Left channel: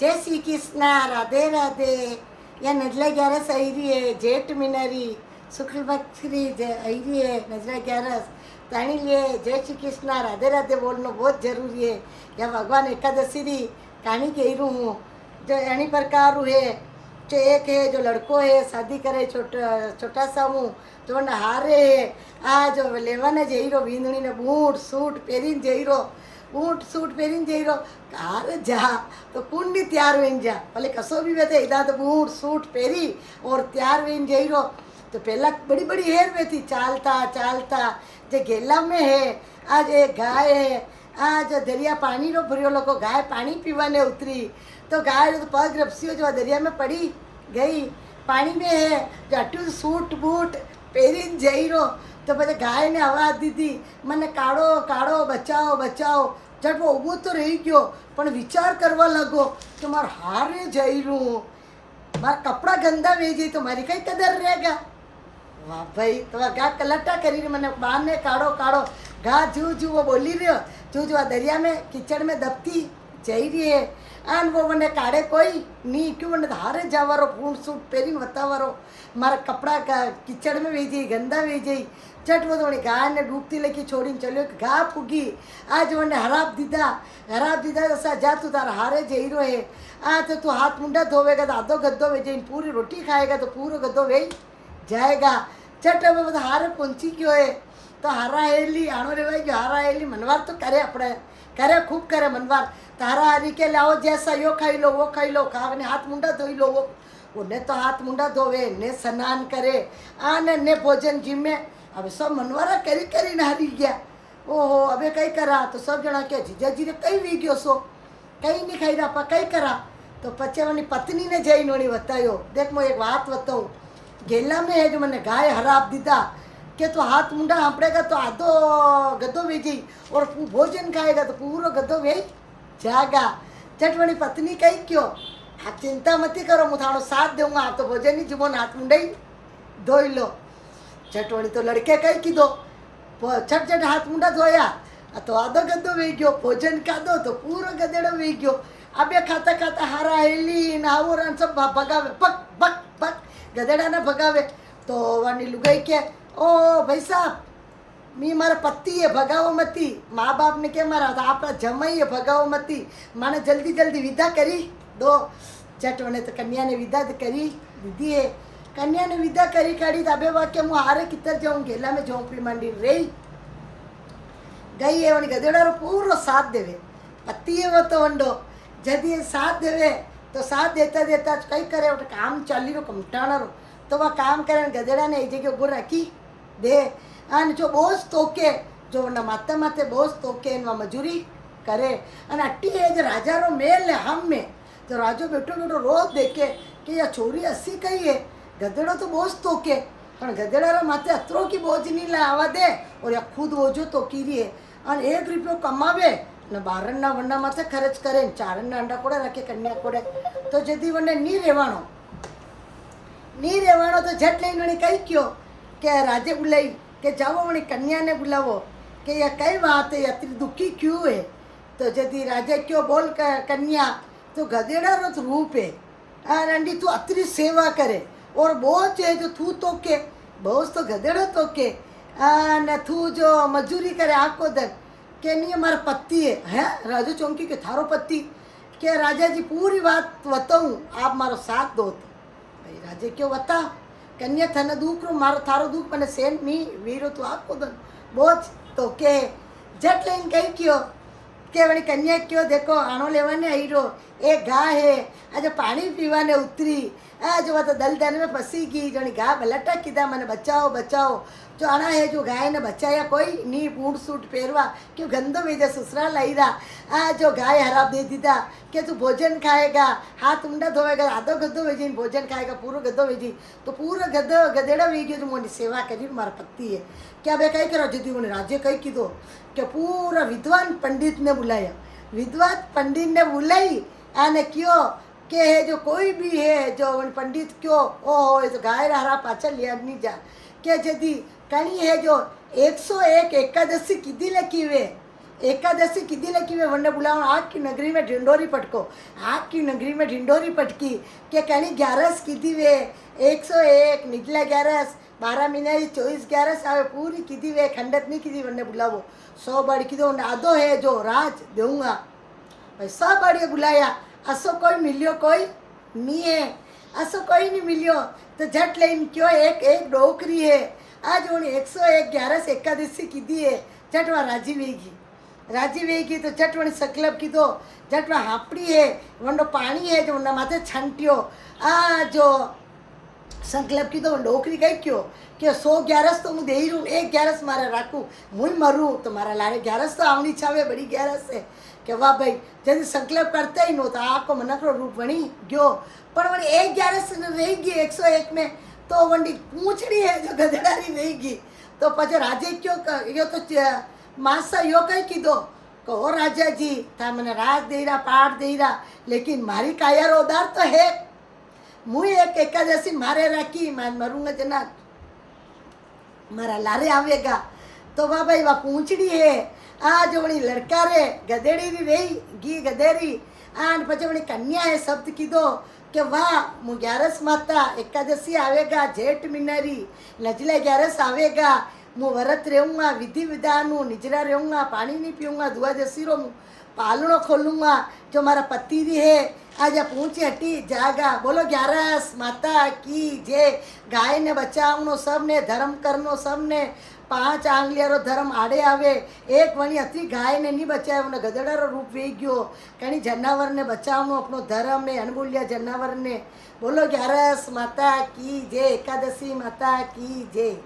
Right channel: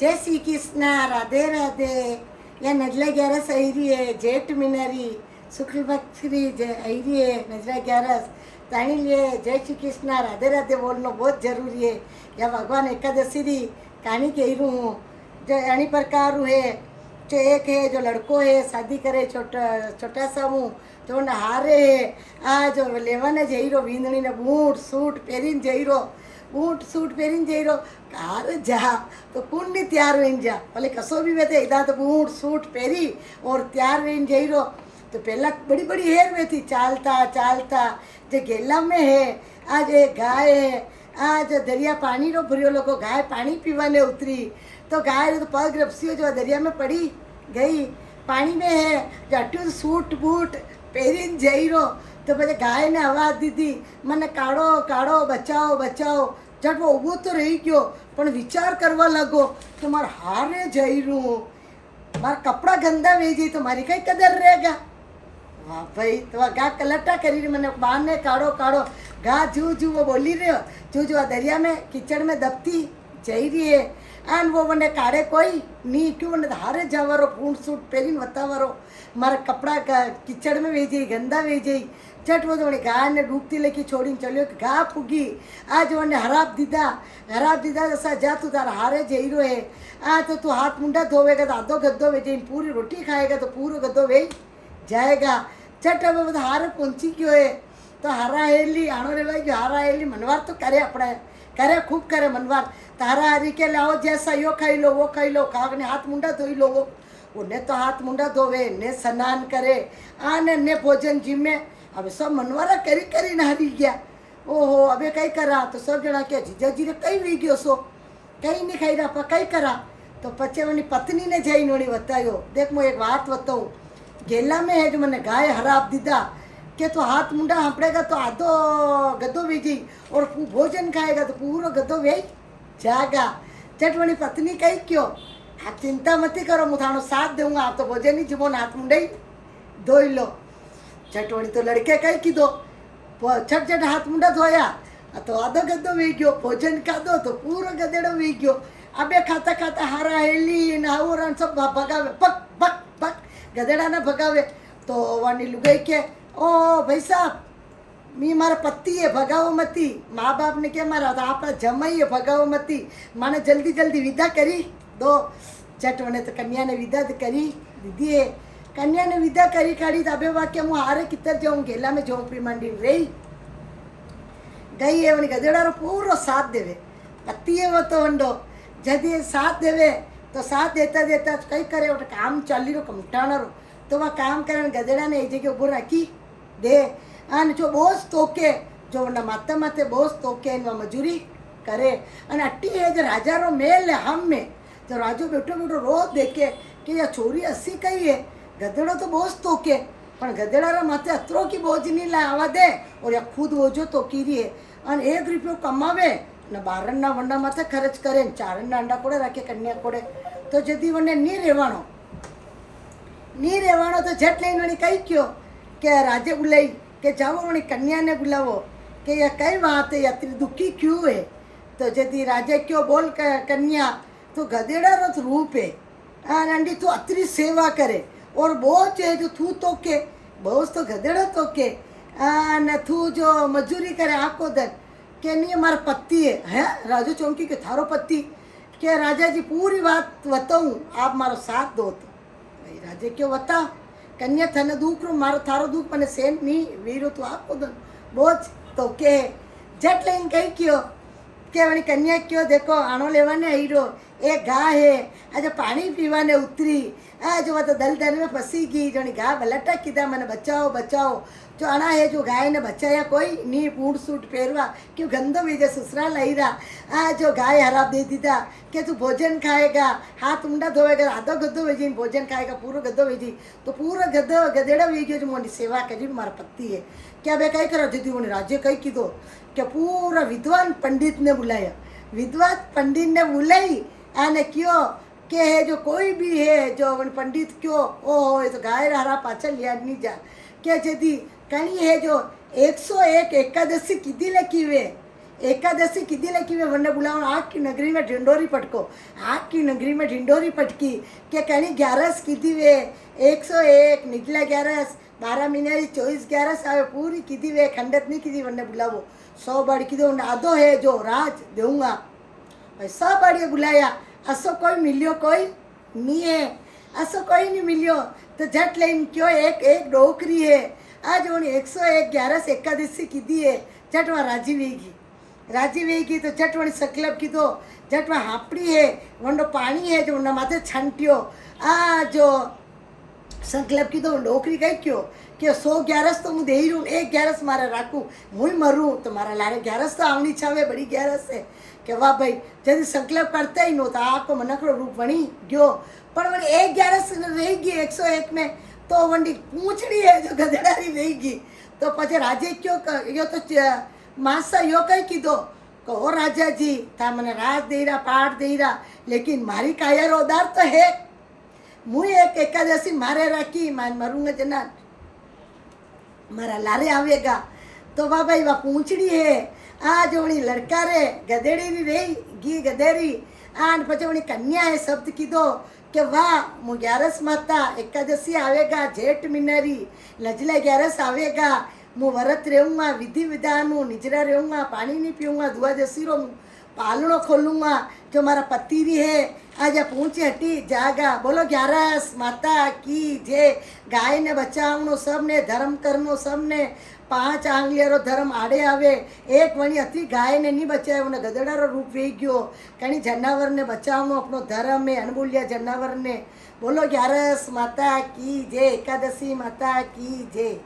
जय श्री कृष्णा, राधे राधे। यह नजला 11 आई रही है, जेठ मिनरी शुक्ल पक्षी आई रही है। नजला 11 ताणी लिए जय श्री कृष्णा राधे राधे बोलना बहुत जरूरी है। या भगवान एकादशी री कहानी कह रू हूँ जो अणी प्रकार है। जो एक है जो लड़को है शादी करे छोटा सा हूँ जो हारे है आ जो लेवाने जई रो वींदणी ने बूट सूट पहरीने जई रो बूट सूट पहरीने जई रो कार जा तो कौन भी तैयार वेन जा भले कसो भी वेते इदा तो बूट सूट पहरी और तैयार वेन जई रो तो पहला बड़ी बड़ी हेर में थी चालता चालता जो गेला में है आज एक गाय है आज दरिया पानी रो भरियो लोग गाय पानी पीवाने उतरी तो गाय तो पग रपसी जो दरिया में पड़ी गई पानी में है जाटू सूट बूट पहरीन जई रो तो પછી ગાયને આવાજ દીધી મને કાઢો કાઢો બચાવો બચાવો જટ वो ઊભો તો રહી ગયો પણ વિચાર કરવા લાગો કે મારે હારે જઈ રહ્યું મારા કપડા ગંદા વે જઈ તો મારી કઈ કદર રહેગા વાહ ભાઈ તો ગા કલટા કરીને મને બહારને કાઢો કાઢો ગા જू जू वो बोली रहे जू जू दरिया में कीचड़ में दबती जई रही है आन वो મને કાઢે કોઈ નહીં क्यों મને હારે જવારો પૂर्ण सूट પહેરીને વતાવારો મારા કપડા कीचड़ में वे जई गंदा वे जई झट वो तो गाय ने डूबती लेके छोड़ी चलियो गा पुगी आज वने हराब दीदा जैसा जा तू तारा हारे जई रो है आ तो तू हाथ मुंडा धोवेगा तो आधो गद्दो वे जई पूरी रोटी खाएगा तो पूरा गद्दो वे जाएगा झट अब वो हारे पहुंची क्यों है तो हारा हेली आणो रेवाई गयो हारा हेली मनवार तो करे अपने करे खूब करे मनवार तारा हारी के लाओ जैसा यो खाई लो वो खाई लो खाने हाथ मुंडा धोई लो वो उन्हें तो हाथ मुंडा धोवे ने स्नान करे आने ने भोजन जिम्मे अब सब मनवारा करी हारी गया ओहो अबे कई करा तो सब जना के जीजाजी रे कई वी गयो सो कई नहीं खाई रहा कई करा तो पचे वनी पत्नी ने जई नोनी बतायो देख मैं एक बात बताऊँ गेला में है जो मैंने गाय हराब दीदा के तो हाथ मुंडा हाँपड़ेगा तो आधो गद्दो वे जी और भोजन खाएगा तो पूरा गद्दो वे जागा झट वनी पत्नी कही क्यों आप चिंता मत करो मुझे थानो साथ दूंगा आप तो भोजन ही जुबो हाथ मुंडा ही धोई लो चटवणी तो लड़के कई कीधो छट छट हाथ मुंडा धोया तो आधो गद्दो वे गयो भोजन खाधो तो पूरो गदेड़ो वे गयो अबे खाता खाता हारा हेली नावोरा सब भगावे पक पक पक गदेड़ा ने भगावे तो वानी लुगाई के ओ भाई साहब मी मारा पति है भगावो मती माँ बाप ने क्या मारा था आप जमाई है भगावो मती माने जल्दी जल्दी विदा करी दो चटवणे तो कन्या ने विदा करी दीदी है कन्या ने विदा करी काढ़ी तबे वाक्य हूँ हारे कितर जाऊँ गेला में झोंपड़ी मांडी रही गई है वनी गदेड़ारो पूरो साथ देवे पति है वो तो वंडो जदी साथ देवे तो साथ देता देता कई करे काम चाली रो कमटाणो रो तो वह काम करे गदेड़ा ने एक जगह उभो राखी दे अने जो बोझ तोके जो वना माथे माथे बोझ तोके एनवा मजूरी करे अने अट्टी है जो राजा रो मेल है हम में जो राजो बैठो बैठो रोज देखे कि यह छोरी हसी कही है गदेड़ो तो बोझ तोके पण गदेड़ा माथे अतरो की बोझ नहीं लावा दे और या खुद बोझो तोकी रही है और 1 रुपयो कमावे ने बारना वंडा माथे खर्च करे चारना अंडा कोड़े रखे कन्या कोड़े तो जदी वने नहीं रेवाणो तो झट लईने वणी कही क्यों के राजे बुलाई के जाओ वणी कन्या ने बुलावो के यह कई बात है अति दुखी क्यों है तो जदी राजे क्यों बोल कन्या तो गदेड़ा रो रूप है अंडी तू अतरी सेवा करे और बोझ है जो तू तो के बोझ तो गदेड़ो तो के न तू जो मजूरी करे आको दन के नहीं हमारा पति है राजू चौंकी के थारो पति के राजा जी पूरी बात बताऊँ आप मारो साथ दो तो भाई राजे क्यों बता कन्या थने दुख रो मारो थारो दुख मैंने सेन नहीं वीरो तू आको दन बोझ तो के झट लाइन कही क्यों के वही कन्या क्यों देखो आनो लेवाने आई रो एक गाय है आज पानी पीवाने उतरी आज वो तो दलदल में फंसी गई जो गाय बलटा कीधा मैंने बचाओ बचाओ जो आना है जो गाय ने बचाया कोई नहीं बूट सूट पहरवा क्यों गंदो भेजा ससुराल आई रहा आज जो गाय हराब दे दीदा कि तू भोजन खाएगा हाथ मुंडा धोएगा आधो गद्दो भेजी भोजन खाएगा पूरा गद्दो भेजी तो पूरा गद्दो गदेड़ा वे गयो जो मोनी सेवा करी मारा पति है क्या बे कई करो जदी मोनी राज्य कई कीधो कि पूरा विद्वान पंडित ने बुलाया विद्वान पंडित ने बुलाई आने क्यों के है जो कोई भी है जो पंडित क्यों ओहो ये तो गाय हरा पाचा लिया नहीं जा क्या जदी कणी है जो 101 एकादशी कीधी लखी हुए एकादशी किदी लगी वे वंडे बुलाओ आग की नगरी में ढिंडोरी पटको आग की नगरी में ढिंडोरी पटकी के कहीं 11 किदी वे 101 निकला 11 12 महीना 24 11 आवे पूरी किदी वे खंडत नहीं किदी वंडे बुलावो 100 बाड़ी कीधो आदो है जो राज दूंगा भाई 100 बाड़िए बुलाया असो कोई मिलियो कोई नहीं है असो कोई नहीं मिलियो तो झट लेन क्यों एक एक डोकरी है आज वो 101 11 एकादशी कीधी है झट वहाँ राजी वेगी तो झट वणी सकलब कीधो झट वहाँ हापड़ी है वंडो पानी है जो उन्ना माथे छंटियो आ जो संकल्प कीधो डोकरी कही क्यों कि 100 11 तो मुझे दे रू एक 11 मारा राखू मुई मरू तो मारा लारे 11 तो आवनी छावे बड़ी 11 है कि वाह भाई जल्दी संकल्प करता ही नो तो आको मनकड़ो रूप वणी गयो पर वणी एक 11 रही गई 101 में तो वंडी पूछड़ी है जो गधेडारी रही गई तो पछे राजे क्यों यो तो मासा यो कई कीधो को ओ राजा जी था मने राज दे रहा पाठ दे रहा लेकिन मारी काया रोदार तो है मुई एक एकादशी मारे राखी मरूंगा जना मारा लारे आवेगा तो वाह भाई वाह पूछड़ी है आ जो वणी लड़का रे गधेड़ी रही गी गधेरी आन पछे वणी कन्या है शब्द कीधो कि वाह मु 11 माता एकादशी आवेगा जेठ मिनरी नजले 11 आवेगा मु व्रत रहूँगा विधि विधान निजरा रहूँगा पानी नहीं पीऊँगा दुआ जसीरो पालनो खोलूँगा जो मारा पति री है आज पूछी हटी जागा बोलो 11 माता की जे गाय ने बचावनो सबने धर्म करनो सबने 5 आंगलियारो धर्म आड़े आवे एक वणी अति गाय ने नहीं बचाव्यो ने गधेडारो रूप वे गयो कणी जनावर ने बचावनो अपनो धर्म है अनबोलिया जनावर ने बोलो 11 माता की जय एकादशी माता की जय।